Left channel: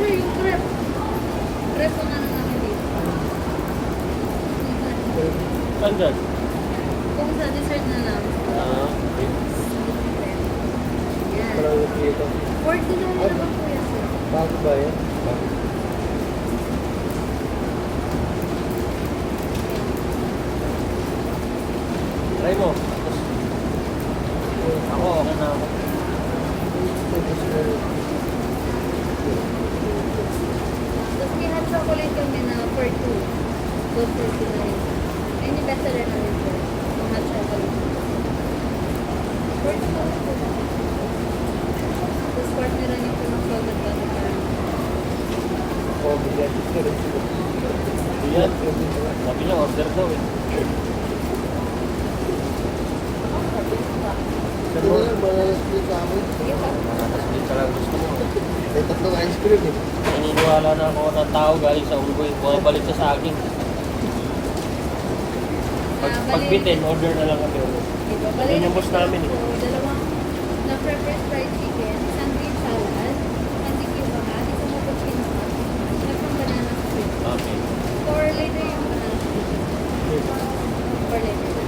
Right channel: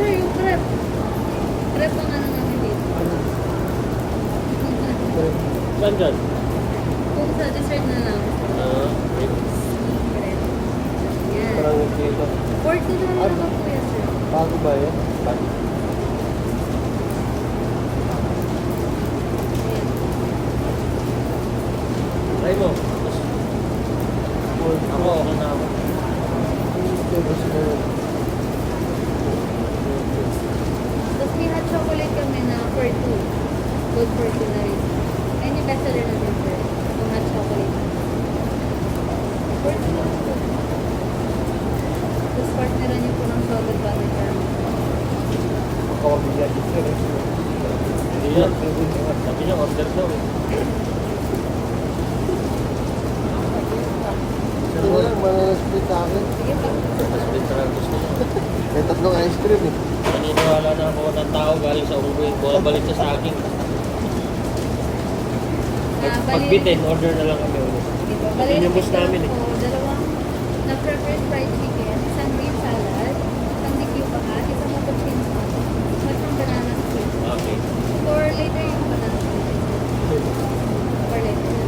sir, yung crepe. Crepe ang ano namin dito. Saan dyan? Kung sa dessert na lang. Ah, Sweet crepe. Yan. parang dito. 40 na lang naman po yan, sir. Bago ba yan? Bago. Try mo. Ako, okay na ako. Chocolate kami na for 2. Good for 2 na rin. Ay, yung best seller namin, sir. Yung hot chocolate. For 2 na lang po. Tapos partner niyo po ng salted butter. Oo, bigyan. Bigyan. Sabi niya, order daw eh. Pero lang, mga split sa akin. Sige pa. Nakaslit sa lang gusto mo. May tatlong ice cream eh. Pero wala na ako ng tao galing sa unggoy. Bumabalik siya sa akin. Pag, Ah, pag bali- bitin, order na lang kami ulit. Diba? Yun yung boss namin eh. Po, dalawang na-prepare fried chicken, isang green salad, isang DQ bangat, isang mapagkin sauce, at yung banana split. Okay. For later yung banana split. For later.